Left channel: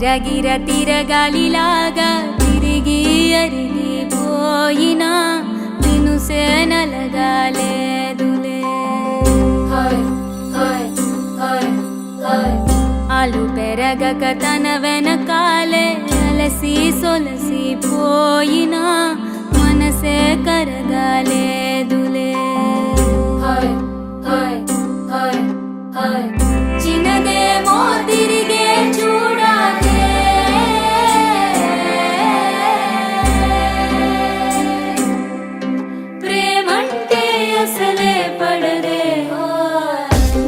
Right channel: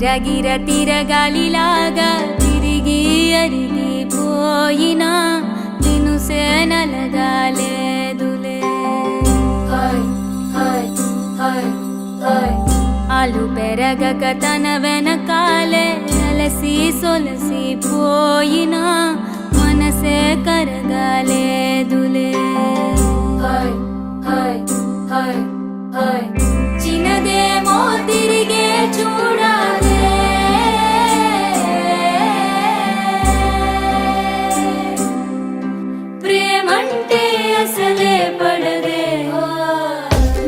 గిరగిర తిరగాలిలాగా తిరిగి అరిగిపోయినా దినుసే నలగాలేదులే. ఆలు పెరగక తన వెనకాలే అలసి సొలసి పోయినా మనసే కరగాలేదులే. చిన్నదేమో తిరిగే చూడాదే, ప్రేమంటే అసలే పడదే.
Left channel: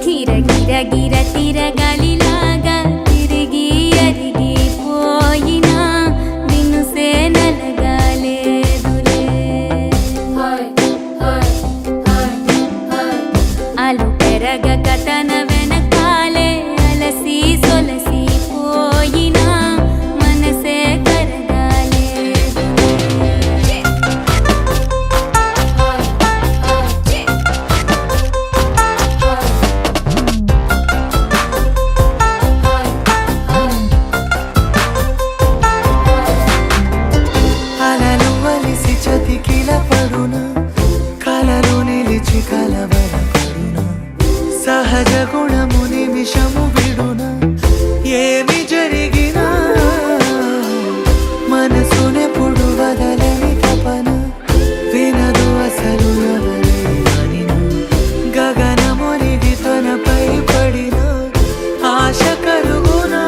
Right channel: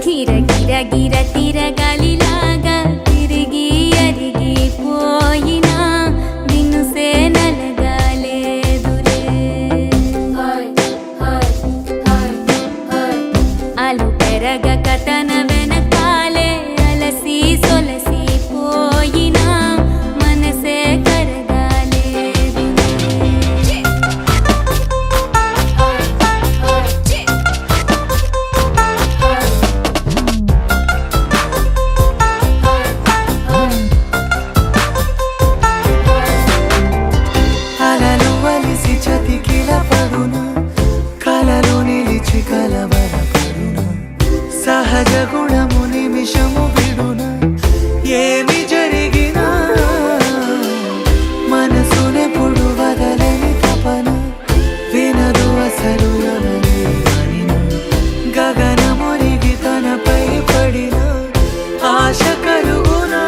గిర గిర గిర తిరగాలిలాగా తిరిగి అరిగిపోయినా దినుసే నలగాలేదులే. ఆలు పెరగక తన వెనకాలే అలసి సొలసి పోయినా మనసే కరగాలేదులే. అలలు వలిసి చతికిల పడునా, కలలు నిలిచి కలవరపడునా, సహజ గుణము నిమిషము విడునా. ఏమి జరిగినా మనసునెప్పుడు వదలని తపన, వినదు అసలు ఎవరి అనినా. గగనమునిగి తనపై పడిన ఆశ కలుగునా.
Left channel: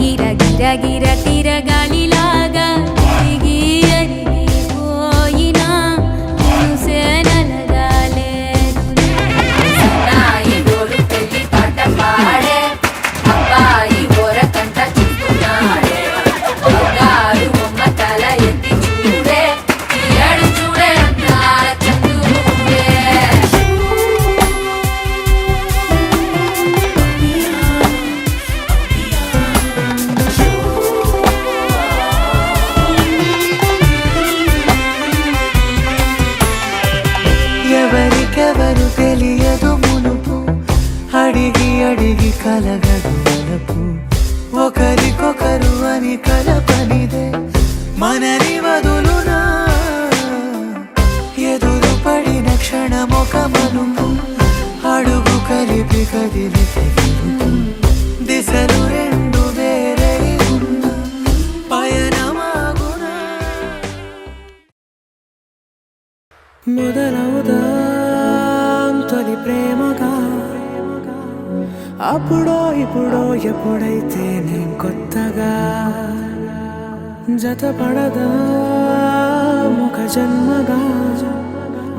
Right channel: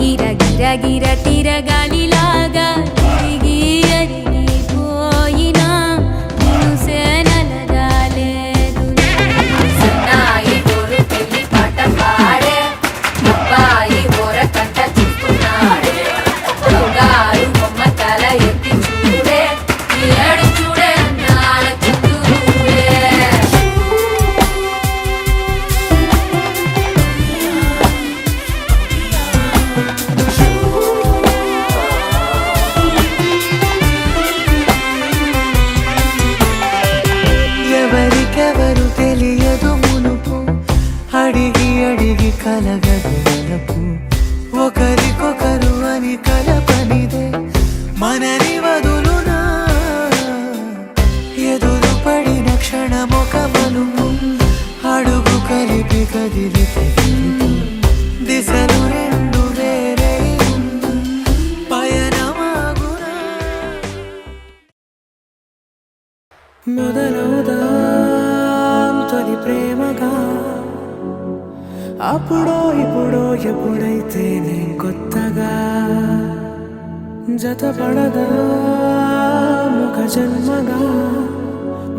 గిర గిర గిర తిరగాలిలాగా తిరిగి అరిగిపోయినా దినుసే నలగాలేదులే. ఎవరికెవరు తెలియదు మునుపు, అడిగి అడిగి కలగదు వలపు. ఒకరికొకరు అని కలపనిదే మనని వదులునా. ఎదురు పడిన క్షణమొక మలుపు, అడుగు కలిపి కదిలితే గెలుపు. దిశలు రెండు వేరే ఉన్న పయనమాగునా. మొదలవుదాం తొలి ప్రేమగా, అప్పుడో ఇప్పుడో ఎప్పుడైతే నేను కొత్తగా. జతపడదా ఒక జన్మగా,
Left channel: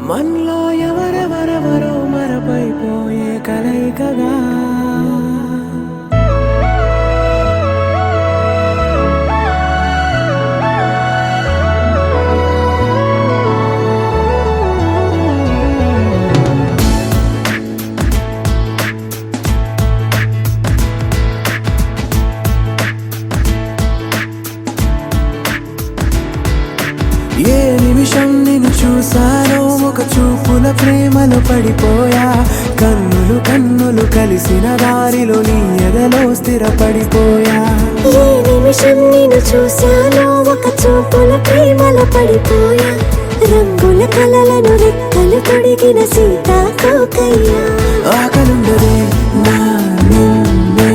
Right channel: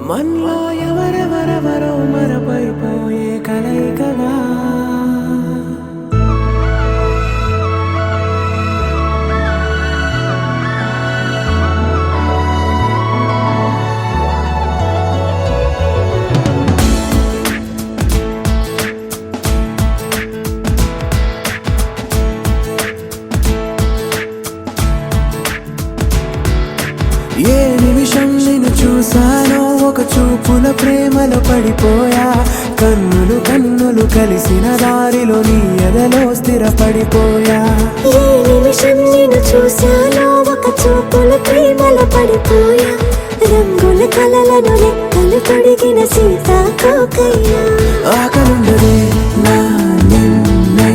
మనలో ఎవరెవరెవరో మరపైపోయే కలయికగా. ఏ నిమిషం నిన్ను చూసానో ఒక చూపుల ప్రేమలో పడిపోయా. కన్నులు కన్నులు కలిసిన దారిలో నీ ఎదలో స్థిరపడిపోయా. ఏ నిమిషం నిన్ను చూసానో ఒక చూపుల ప్రేమలో పడిపోయా. రంగుల కలలను రెక్కలు పొడిగిన సీతాకోకయ్యా. ఆకలుండదే నా నిన్నే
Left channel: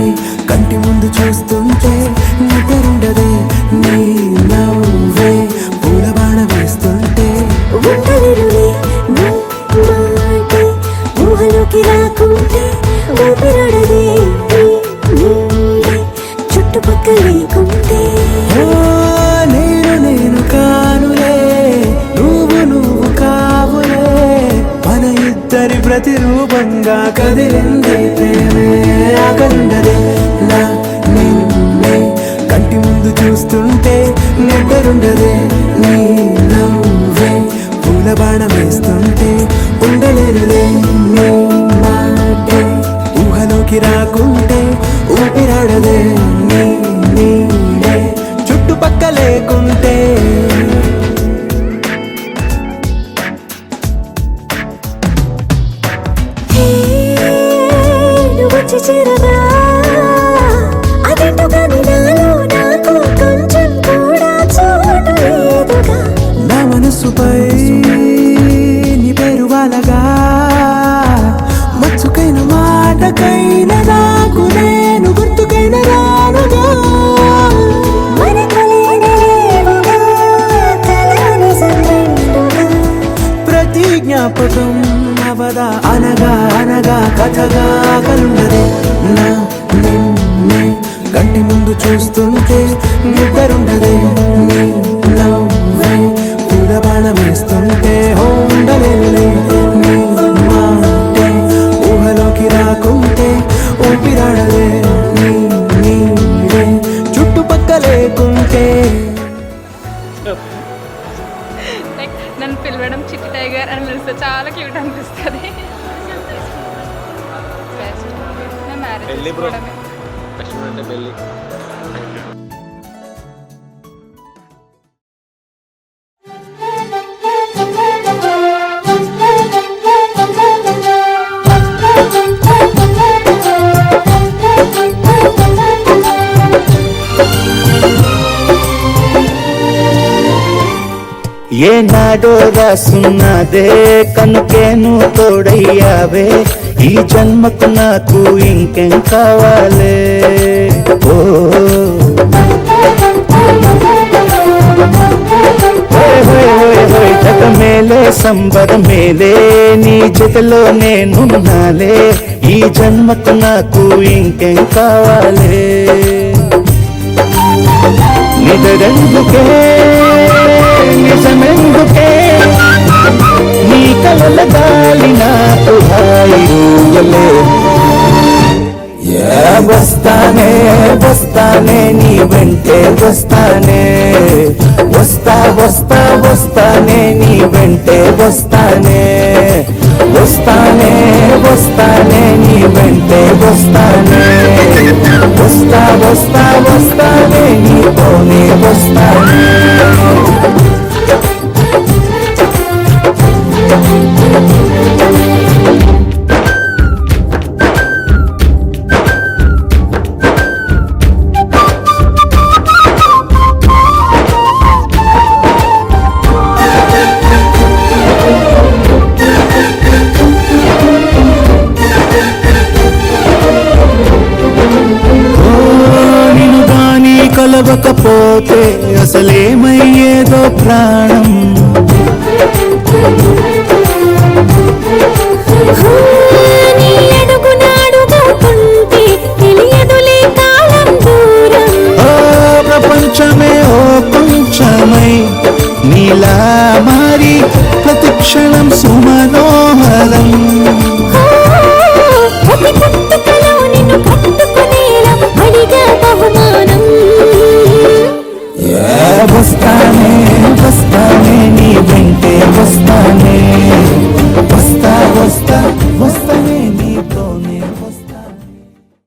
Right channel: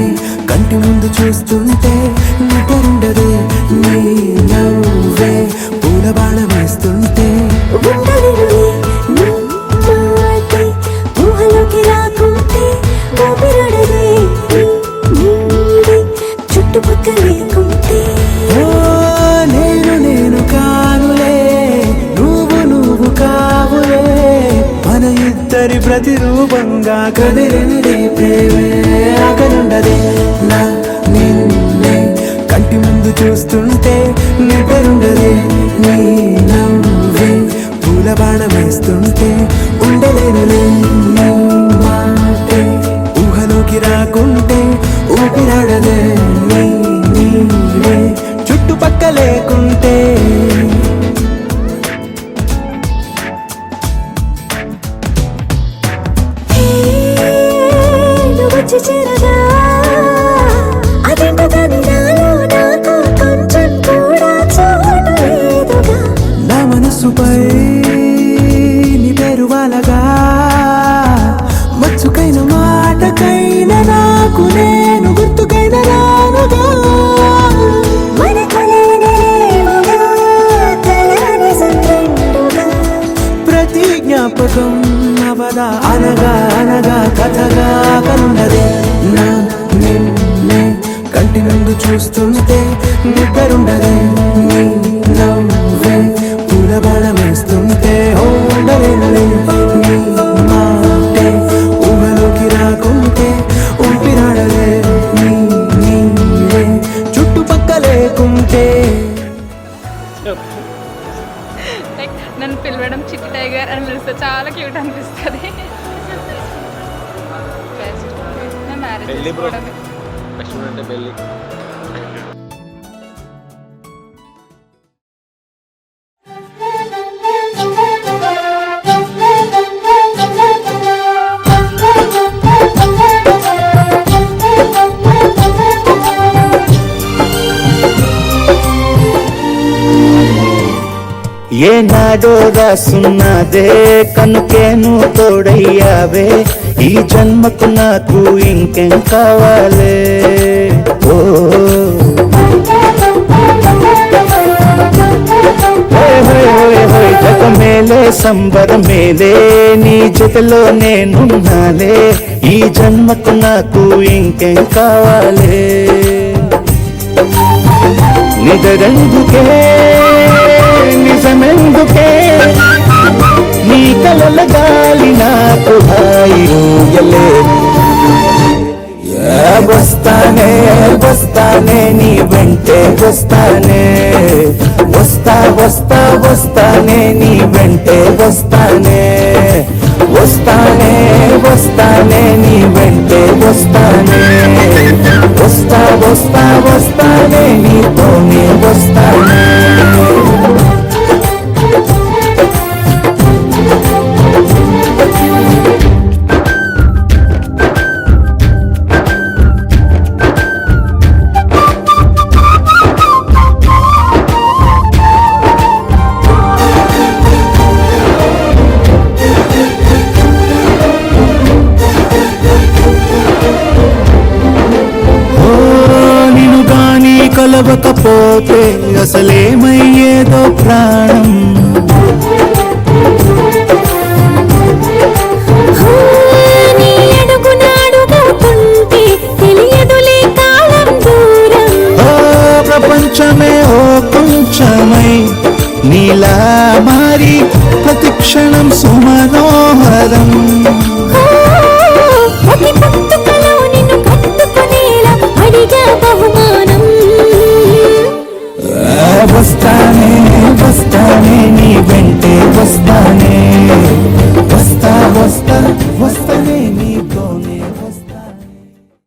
కంటి ముందు చూస్తుంటే, నిద్రుండదే నీ నవ్వే పూల బాణ వేస్తుంటే. ఉండలేనులే నీ మాటే ఊహలోకి రాకుంటే, ఊపిరాడదే నీ నీడే చుట్టుపక్కల లేకుంటే. నేను కానులే, నువ్వు కావులే, మన ఇద్దరి ప్రతిరూపంగా కదిలింది ప్రేమే. ఆకలుండదే నా నిన్నే కంటి ముందు చూస్తుంటే, నిద్రుండదే నీ నవ్వే పూల బాణ వేస్తుంటే. ఉండలేనులే లేకుంటే. నువ్వు వచ్చి చేరగా అదేంటో కానీ నాలో నాకు కొంచెం కూడా చోటు లేదుగా. నా మనసుపై నీ పేరు వాలగా, మచ్చుకైన మాటకైన నాకు నేను గుర్తుకైన రానుగా. ప్రతి జ్ఞాపకం అవదా అనగా అనగా కథగా కలుండదే. నా నిన్నే కంటి ముందు చూస్తుంటే నిద్రుండదే. నీ నవ్వే పూలబాణం వేస్తుంటే ఉండలేనులే. నీ మాటే ఊహలోకి రాకుంటే ఊపిరాడదే. నీ నీడే చుట్టుపక్క లేకుంటే. లైక్ నన్ను పిలవడం చిట్టి టైగర్ అని పిలిస్తే చాలా క్యూట్ అనిపిస్తుంది. బెస్ట్ నా మ్యారేజ్ చేసుకోవడమే. ఏనాడో రాసున్నదే కనుకేను తోడయ్యావే. ఈ జన్మకు నాకు ఇంకేం కావాలే. ఓ జగ మేలే సంబర మేలే నీ జతలో నేనున్నాలే. ఈ జన్మకు నాకు ఇంకేం కావాలే. నిదరెందుకే నిజమెందుకే నీ కలల గాలి నాకు హాయిలే. వస్తానే వస్తానే నీ వెంటే వస్తానే. వస్తా వస్తా వస్తానే నీ వెంటే వస్తానే. వస్తానే వస్తానే నీ వెంటే వస్తానే. వస్తా వస్తా వస్తానే నీతోనే వస్తానే. కలవకపోతే అసలేమయ్యేదో ప్రాణం. నీ అడుగునాడుగుతుంటే తెలియదులే కాలం దూరం. ప్రపంచమే ఓ కొంచెమై నీలా మారి ప్రతిక్షణం సుమనోహరం. ప్రతి పుట్టుకలో నిన్ను కట్టుకునేలా అడిగా బహుమానం. వస్తానే వస్తానే నీ